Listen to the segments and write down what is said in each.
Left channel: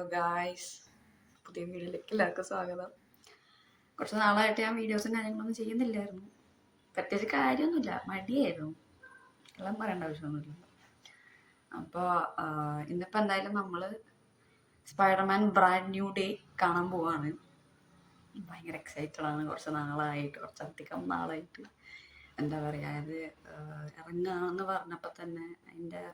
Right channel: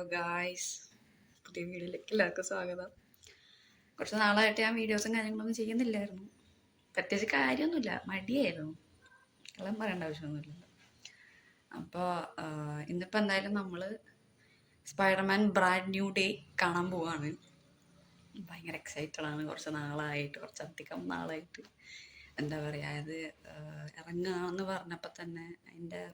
Hello guys, പുതിയ വീഡിയോയിലേക്ക് എല്ലാവർക്കും സ്വാഗതം. കുറച്ച് നാളായിട്ട് ഞാൻ വീഡിയോസും കാര്യങ്ങളൊന്നും ചെയ്യുന്നില്ലായിരുന്നു. പ്രത്യേകിച്ച് കാര്യമൊന്നുമില്ല, മടിയായിരുന്നു. എല്ലാം പറയേണ്ട ആവശ്യമൊന്നുമില്ല. അപ്പോൾ ഇന്നിപ്പോൾ എന്തായാലും നമ്മൾ സ്പൈഡർമാൻ ബ്രാൻഡ് ന്യൂ ഡേ കാണാൻ പോവാണ്. ഭയങ്കര എക്സൈറ്റഡ് ആണ്. കുറച്ചധികം നാളായിട്ട് എന്താ പറയുക, ഇത് ഇറങ്ങാന്ന് പറഞ്ഞപ്പോൾ തന്നെ അതിൻ്റെ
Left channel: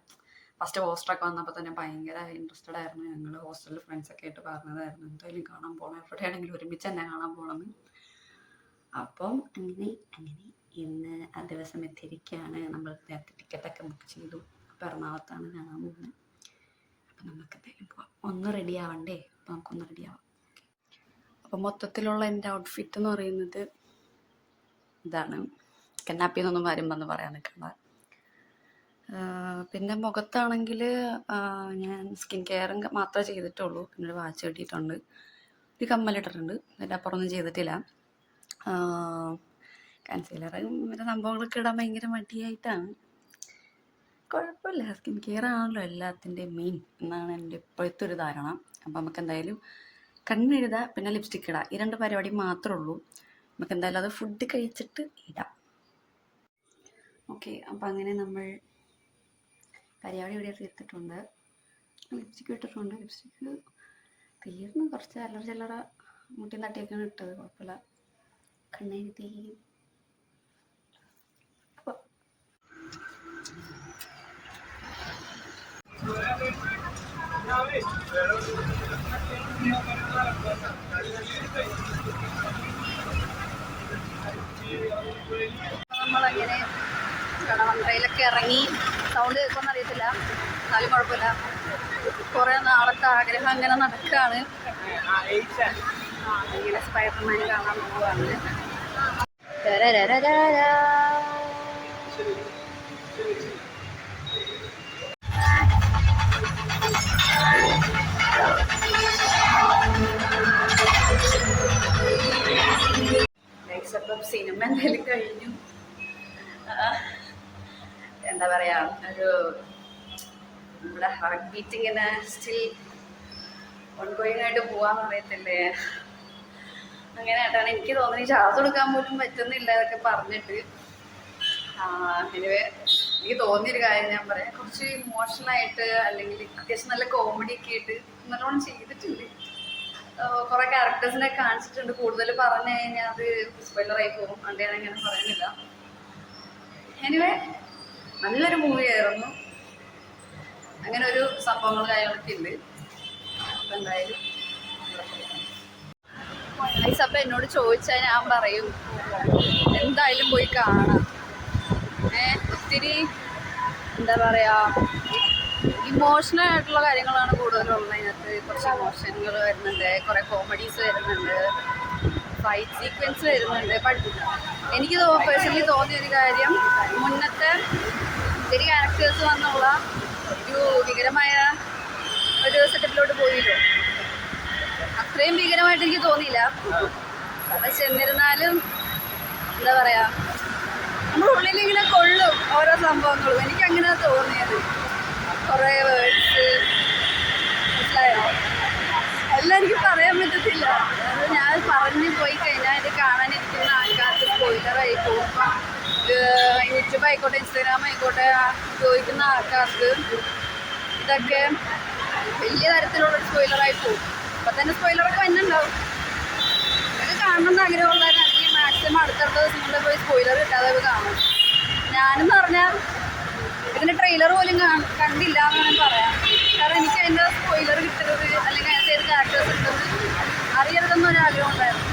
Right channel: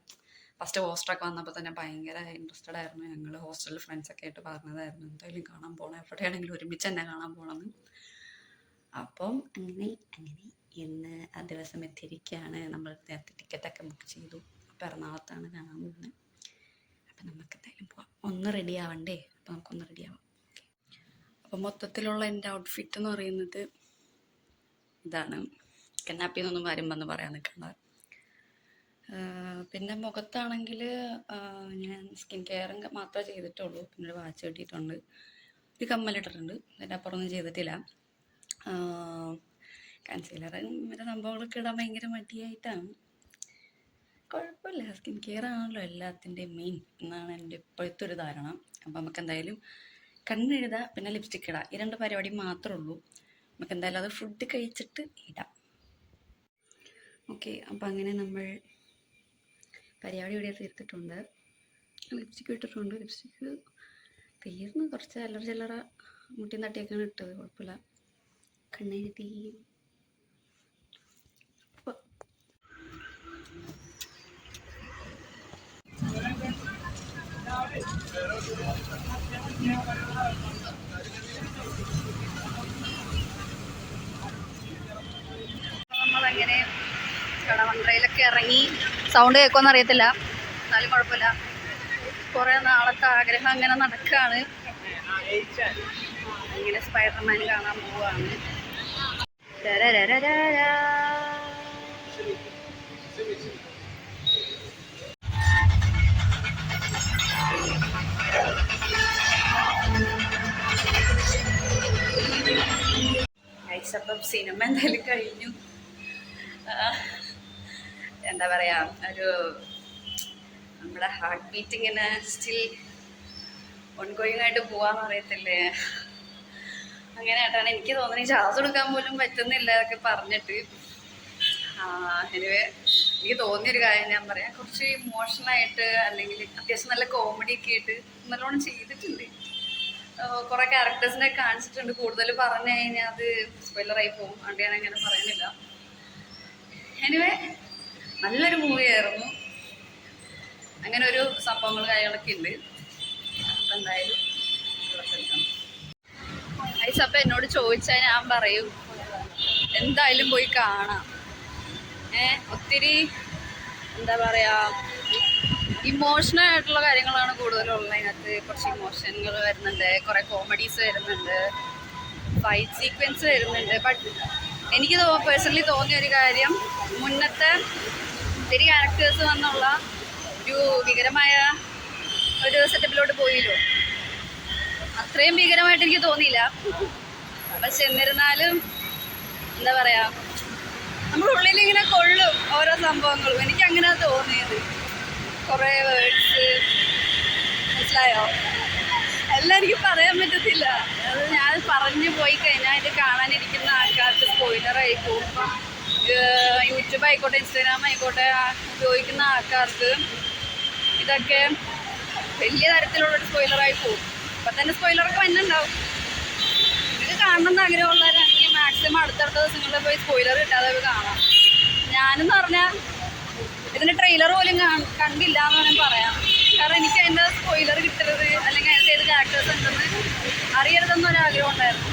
ഫസ്റ്റ് പോസ്റ്ററൊക്കെ വന്നപ്പോൾ തന്നെ ഭയങ്കര ഇൻട്രസ്റ്റഡ് ആയിരുന്നു. ഞങ്ങൾ ഹോസ്റ്റലിൽ ഫ്രണ്ട്സൊക്കെ ആയിട്ട് പറഞ്ഞതായിരുന്നു എന്തായാലും കാണാൻ പോകണം, എവിടെയാണെങ്കിലും ഒരുമിച്ച് തന്നെ കാണാൻ പോകണമെന്ന്. അപ്പം അങ്ങനെ ഇന്ന് ആ ദിവസം എത്തിയിരിക്കുകയാണ്. നമ്മൾ നേരത്തെ ടിക്കറ്റൊക്കെ ബുക്ക് ചെയ്തു. അപ്പോൾ എറണാകുളത്താണ് കാണാൻ പോകുന്നത്. അപ്പം നമുക്ക് എന്തായാലും പോവാം. ഒന്ന് റെഡി ആവണ്ടേ? അപ്പോൾ നമുക്കൊന്ന് റെഡി ആവാം. അപ്പം മൊത്തത്തിലുള്ള എൻ്റെ ഔട്ട്ഫിറ്റ് എന്ന് പറയുന്നത് ഇതാണ്. കന്നാപ്പിന്നൊന്നും കാര്യം വന്ന് പറയാൻ നിൽക്കണ്ട. പിന്നെ മുഖത്താണെങ്കിൽ ഞാൻ സ്കിൻ കെയറും മാത്രമേ ചെയ്തിട്ടുള്ളൂ. പിന്നെ ഒരു വാച്ച് കെട്ടിയിട്ടുണ്ട്, ഒരു കമ്മലിട്ടിട്ടുണ്ട്. അതിൻ്റെ അപ്പുറമൊന്നും ചെയ്തിട്ടില്ല. കൺസീലറും മറ്റേ സംഭവങ്ങളൊക്കെ ഇടാൻ ഭയങ്കര മടിയായിട്ടാണ്. കുഴപ്പമില്ല, സ്കിൻ കെയർ ആണല്ലോ എല്ലാത്തിൻ്റെയും മെയിൻ എന്നാണ് എൻ്റെ ഇപ്പോഴത്തെ ഒരു ധാരണ. അപ്പം നമുക്ക് എന്തായാലും കണ്ണെഴുതുക, പിന്നെ ലിപ്സ്റ്റിക്ക് ഇടാം. ഈ രണ്ട് പരിപാടി മാത്രമേ ഉള്ളൂ. നമുക്ക് എന്തായാലും അത് ഫുഡ് കഴിച്ചിട്ട് ഇടാം. ഓക്കെ, അപ്പം അങ്ങനെ നമ്മൾ പരിപാടി ഇവിടെ തീർത്തിട്ടുണ്ട്. ലിപ്സ്റ്റിക്ക് ഇട്ടിട്ടുണ്ട്. ലിപ്സ്റ്റിക്ക് തീർന്ന് കുറച്ച് ചില്ലറ മുട്ടി നട്ടിയൊക്കെയാണ് ഇട്ടത്. കുഴപ്പമില്ല. കണ്ണെഴുതി നമ്മളങ്ങനെ കടവന്ത്രയിലൊക്കെ ഇറങ്ങി. സൗണ്ട് കേൾക്കുമെന്ന് അറിയത്തില്ല, എന്നാലും കുഴപ്പമില്ല. കുറേ നാളത്തെ ആഗ്രഹം അങ്ങനെ നടക്കുകയാണ്. ഇങ്ങനെ സ്പൈഡർമാൻ കാണാൻ പോവുകയാണ്. അപ്പം സിനിമ എന്തായാലും കഴിഞ്ഞു. എന്താ പറയാ, ഒരു നമ്മുടെ ഹാർട്ട് ബീറ്റ് ഇങ്ങനെ സ്റ്റിൽ ഓൺഗോയിങ് ആയിട്ട് പോവാന്ന് അറിയത്തില്ലേ, അങ്ങനെ ആയിട്ടാണ് എനിക്ക് തോന്നുന്നത്. ഈ ശ്വാസം എടുക്കാൻ പോലും പറ്റുന്നില്ല എന്നൊക്കെ പറഞ്ഞിട്ട്. എനിക്ക് തോന്നിയൊരു കാര്യം ഞാൻ പറയാം. കുറച്ച് ഇമോഷണലായിട്ട് അല്ലെങ്കിൽ അത്യാവശ്യം നല്ല കോമഡി ഒക്കെ ആയിട്ട് നല്ലോണം ചെയ്തിട്ടുണ്ട്. കുറെ ക്യാരക്ടേഴ്സിനെ കാണിച്ചിട്ടുണ്ട്. കൂടുതൽ പറഞ്ഞു കഴിഞ്ഞാൽ അത് സ്പോയിലറായി പോകും, അതുകൊണ്ട് ഞാൻ അങ്ങനെ പറയുന്നില്ല. എനിവേ നല്ലൊരു മൂവിയായിരുന്നു. അങ്ങനെ ഒരു സംഭവങ്ങൾ കാര്യങ്ങളൊക്കെ ഉണ്ട്. അപ്പം എന്തായാലും അപ്പം എന്നോട് ചോദിച്ചാൽ ഞാൻ പറയും എന്തായാലും പോയി കാണാം. ഒത്തിരി എന്താ പറയുക, ഇമോഷണൽ ആയിട്ടുള്ള കാര്യങ്ങളാണ് കൂടുതലുള്ളത്. അതിനകത്ത് കുറച്ച് ഇമോഷനുകൾ വരുന്നുണ്ട്, കുറേ കോമഡീസ് വരുന്നുണ്ട്, ഫൈറ്റ് സീക്വൻസ് വരുന്നുണ്ട്. ബട്ട് എനിക്ക് പേഴ്സണലി തോന്നിയ ഒരു കാര്യം, മുന്നത്തെ ഒത്തിരി ക്യാരക്ടേഴ്സ് വന്നുള്ള ഒരു ഭീകരമായ ഒരു സെറ്റപ്പിലോട്ട് പോയില്ലോ, അത്രയും ഭീകരമായിട്ട് എനിക്ക് തോന്നിയില്ല. പക്ഷെ എന്നിരുന്നാലും എന്താ പറയുക, നമ്മുടെ ഉള്ളിൽ ഇങ്ങനെ കൊള്ളും ഓരോ സംഭവങ്ങളും. എനിക്കങ്ങനെയാണ് തോന്നിയത്. കുറേ വേർഡ്സ് മനസ്സിലായോ, എല്ലാം എനിക്ക് പറയാൻ പറ്റത്തില്ല. ഞാൻ പറഞ്ഞു പോയി കഴിഞ്ഞാൽ ഇത് കാണാനിരിക്കുന്ന ആൾക്കാർക്ക് സ്പോയിലറായി പോകും. യൂട്യൂബ് ആയിക്കോട്ടെ, ഇൻസ്റ്റാഗ്രാം ആയിക്കോട്ടെ, ചോദിക്കുന്ന ആൾക്കാർക്ക് ഇതൊക്കെ വലിയ തരത്തിലുള്ള സ്പോയിലറായി പോകും. അപ്പം തന്നെ സ്പോയിലറൊക്കെ വന്നിട്ടുണ്ടാവും. ഇത് കാണണമെന്ന് ആഗ്രഹമുള്ളവരാണെങ്കിൽ മാക്സിമം അടുത്തടുത്ത ദിവസങ്ങളിൽ പോയി സ്പോയിലർ കിട്ടാതെ കാണാം. ഞാനെന്ന് പറഞ്ഞാൽ ഇതിൻ്റെ ട്രെയിലർ പോലും കണ്ടില്ല എന്നാണ് പറയാം. കാരണം എനിക്ക് അതിൻ്റെ സ്പോയിലർ കിട്ടരുത്, അല്ലെങ്കിൽ അതിൻ്റെ ഏത് ക്യാരക്ടേഴ്സ് ഉണ്ടെന്ന് അറിയരുതെന്നൊരു ആഗ്രഹം ഉണ്ടായിരുന്നു.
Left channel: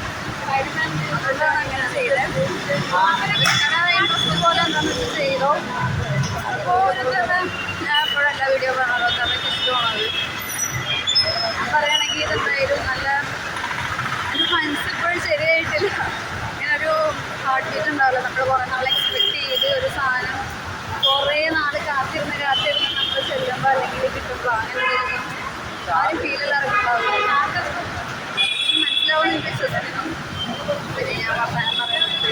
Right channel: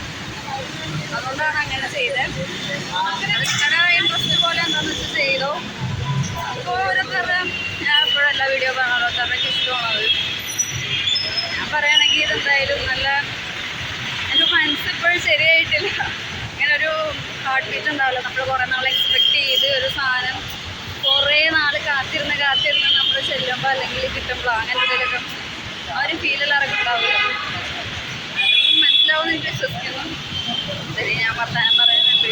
അതുകൊണ്ടാണ് അങ്ങനെ ചെയ്തത്. അങ്ങനെ ഇൻട്രസ്റ്റ് പോലെ എന്താണെന്ന് ചെയ്തോ. അപ്പോൾ ഞാൻ എപ്പോഴും എല്ലാ വീഡിയോ കാണാമല്ലോ, അത്രയ്ക്ക് ഇഷ്ടമാണത്. ഞാൻ പറയുകയാണെങ്കിൽ ഇതെന്തായാലും നല്ല എൻ്റെ മനസ്സ് ഇപ്പോഴും ശരിയായിട്ടില്ല. ഇങ്ങനെ ഒരു ഹാർട്ട് ബീറ്റ് ഉണ്ടാവില്ല. നമ്മൾ കുറേ നാൾ എക്സ്പെക്ട് ചെയ്ത് ഒരു സാധനം കുറേ നാൾ കാത്തിരുന്ന് നമ്മൾ ചെല്ലുമ്പോൾ അല്ലെങ്കിൽ കിട്ടുമ്പോൾ അങ്ങനെ എന്തെങ്കിലും ആരും ഫീലെല്ലാവർക്കും ഉണ്ടാവില്ല. മനസ്സിലാവുമെന്ന് വിശ്വസിക്കുന്നു. ശരി, ഞാൻ വർത്താനം പറയുന്നുണ്ട്,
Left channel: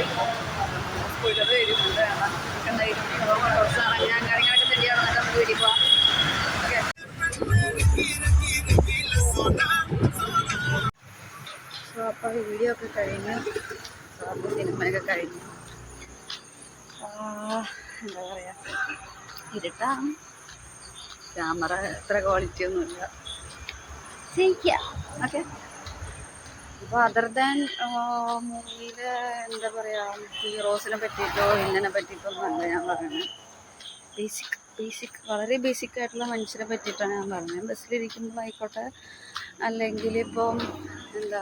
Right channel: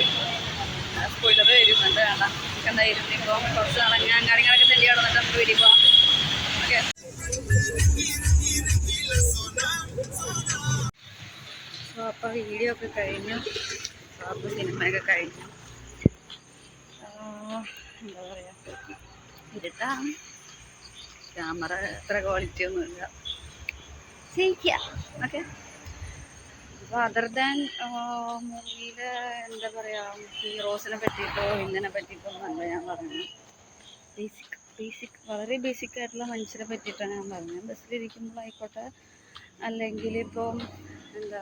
സ്കൂളിൽ വരുന്നുണ്ട്. വേണ്ട എന്തായാലും നിങ്ങളോ കുറച്ച് നടങ്ങാൻ കാര്യങ്ങളൊക്കെ തന്നെയാണോ നമുക്ക് വീട്ടിൽ പോവാം. ഓക്കെ. വീഡിയോ ഒക്കെ കഴിഞ്ഞു, സിനിമയൊക്കെ കഴിഞ്ഞു. എന്താ പറയുക, ഇരുട്ടാണ്, ക്യാമറ എത്ര ക്വാളിറ്റി ഒന്നുമില്ല, ചെയ്യിക്കുക. ഓക്കെ. അപ്പോൾ അതർ ദാൻ മൂവിയിലെ എന്താ പറയുക, ഹീറോസിനെ പറ്റിയിട്ടോ ഇങ്ങനെ പറ്റിയിട്ടൊന്നും അല്ല ഞാൻ പറയുന്നത്. ബേസിക് വളരെ ബേസിക് ആയിട്ടുള്ള മനുഷ്യരെ പറ്റിയിട്ടാണ് ഞാൻ പറഞ്ഞത്. ബസ്സിലിരിക്കുമ്പോൾ ആയിക്കോട്ടെ, അല്ലെങ്കിൽ ഇപ്പം എന്താ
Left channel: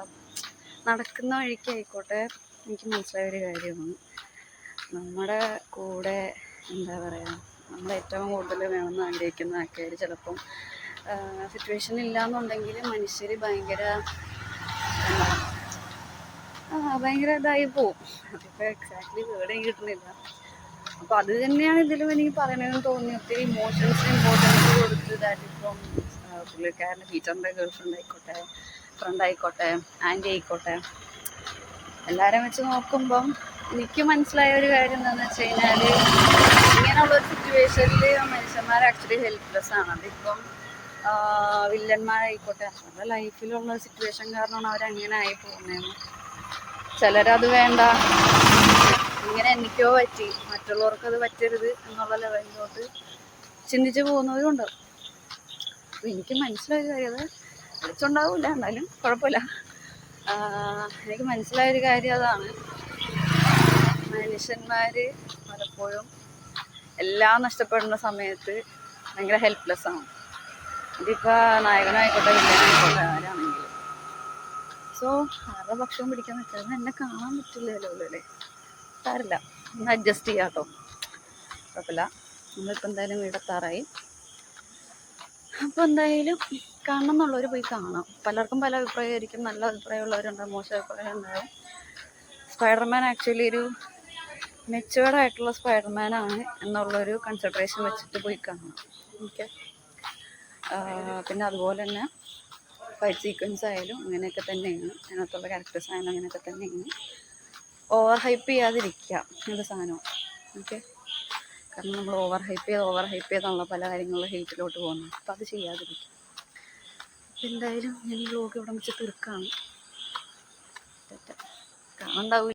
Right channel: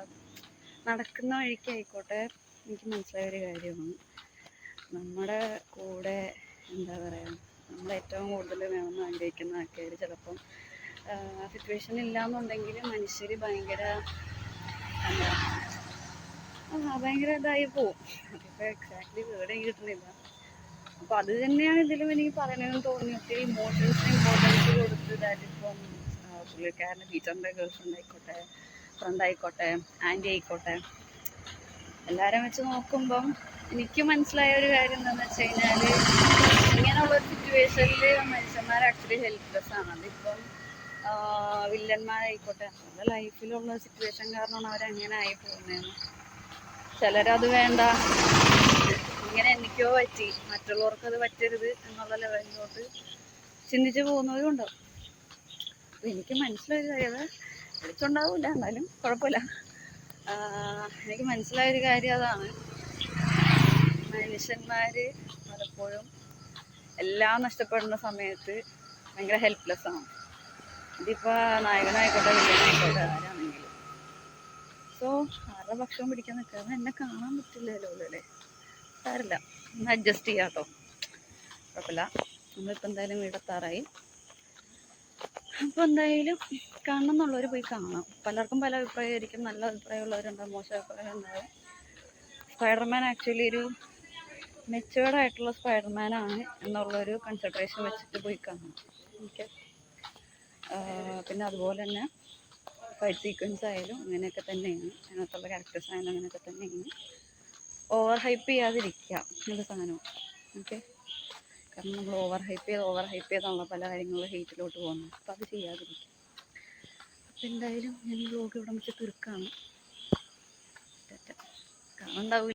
നടക്കുന്ന വഴിക്കായിക്കോട്ടെ, എനിക്ക് മനസ്സിലായൊരു കാര്യമാണ്, നമ്മുടെ കൂടെ എന്താ പറയുക, നമ്മൾ ഏറ്റവും കൂടുതൽ വേണമെന്ന് ആഗ്രഹിക്കുന്ന ആൾക്കാർ ചിലപ്പം സിറ്റുവേഷൻ ഇല്ലയെന്നുണ്ടെങ്കിൽ മനുഷ്യർ ഭയങ്കര ഇതായി പോവും. അതിപ്പോൾ എക്സാക്ട്ലി വേർഡ് കിട്ടുന്നില്ല. അപ്പോൾ അത് തന്നെയാണ് ഇതിലും എനിക്ക് പറയണമെന്ന് തോന്നി. ഒത്തിരി ഇമോഷൻസ് കൊടുത്ത് ഇതായിട്ടിപ്പം പുള്ളിക്കാരൻ്റെ ടീച്ചറിൻ്റെ ഗേൾ ഫ്രണ്ട് ആയിക്കോട്ടെ, ഫ്രണ്ട് ആയിക്കോട്ടെ, ആൻറ്റി ആയിക്കോട്ടെ, എല്ലാവരും വെച്ച് നോക്കുമ്പം എനിക്ക് മനസ്സിലായ ഒരു കാര്യം എന്താണെന്ന് വെച്ച് കഴിഞ്ഞാൽ, ഇങ്ങനെയുള്ളൊരു സിറ്റുവേഷനിൽ മനുഷ്യന്മാർ ആക്ച്വലി ഹെൽപ്ലെസ് ആണ്. അതിപ്പം വില്ലന്മാരായിക്കോട്ടെ, നമ്മുടെ ലൈഫിലുള്ള സിറ്റുവേഷൻ കാരണമാണ് അവരങ്ങനെ ആയി പോകുന്നതെന്ന്. ചിലരത് വേണ്ട, ഇങ്ങനെ എനിക്കോ പറ്റി മറ്റുള്ളവർക്കത് പറ്റരുത് എന്നുള്ള ലെവലിലോട്ട് ചിന്തിച്ച് പോകുന്നവരുണ്ട്. അപ്പം എനിക്ക് മനസ്സിലായത് അത് വിളിച്ചുണ്ടാവില്ല, എന്നാലും കുഴപ്പമില്ല. എനിക്ക് മനസ്സിലായൊരു കാര്യം അതാണ്, മനുഷ്യന്മാർ പലപ്പോഴും എല്ലാം നഷ്ടപ്പെടുന്ന സമയത്ത് ഭയങ്കര ഹെൽപ്ലെസ് ആണ്. ഇതിപ്പോൾ നായകനായിക്കോട്ടെ ആരാണെങ്കിലും. സോ ആരുടെ ഭക്ഷണം പിടിക്കാൻ പറ്റാതെ എന്നെ കാണാൻ പറ്റില്ലല്ലോ അല്ലേ, സാരില്ല, ഒന്ന് അഡ്ജസ്റ്റ് ചെയ്യാം കേട്ടോ, കുഴപ്പമില്ല. നമ്മളിപ്പോൾ എന്തായാലും വീടെത്താറായി. അപ്പോൾ എന്തായാലും കാണണം എന്നുള്ളവർ പോയി കാണാം. പലർക്കും പല അഭിപ്രായമായിരിക്കും, നല്ല അഭിപ്രായമുള്ളവരുണ്ടാവും, മോശം അഭിപ്രായം ഉണ്ടാവും. സ്പൈഡർമാൻ ആക്ച്വലി ഒരു മെച്ചുവേർഡായിട്ടുള്ള സ്പൈഡർമാനാണ് എന്നുള്ളൊരു കൺസിഡറേഷൻ വെച്ചിട്ട് പോയി കാണാം. ഓക്കെ. പിന്നെ അതുപോലെ തന്നെ ഫൈറ്റ് സീക്വൻസ് ആയാലും അങ്ങനെയൊക്കെ തന്നെയാണ്, അതിനകത്തുള്ള ക്യാരക്ടേഴ്സ് ആയാലും അങ്ങനെയൊക്കെ തന്നെയാണ്. ഓവർ ഹൈപ്പ് ചെയ്യാതിരിക്കുക എന്നുള്ള സാധനം. ഓക്കെ. കാരണം നമ്മൾ ഓവർ ഹൈപ്പ് ചെയ്തുള്ള പല കാര്യങ്ങളും ഹെയ്റ്റിലോട്ട് പോകുന്നു. അപ്പോൾ അത് ചെയ്യാതിരിക്കുക. എന്തായാലും ഞാൻ ബ്ലോഗ് ഇവിടെ വെച്ച് തീർക്കാണ്. കാണണ്ടാവില്ല.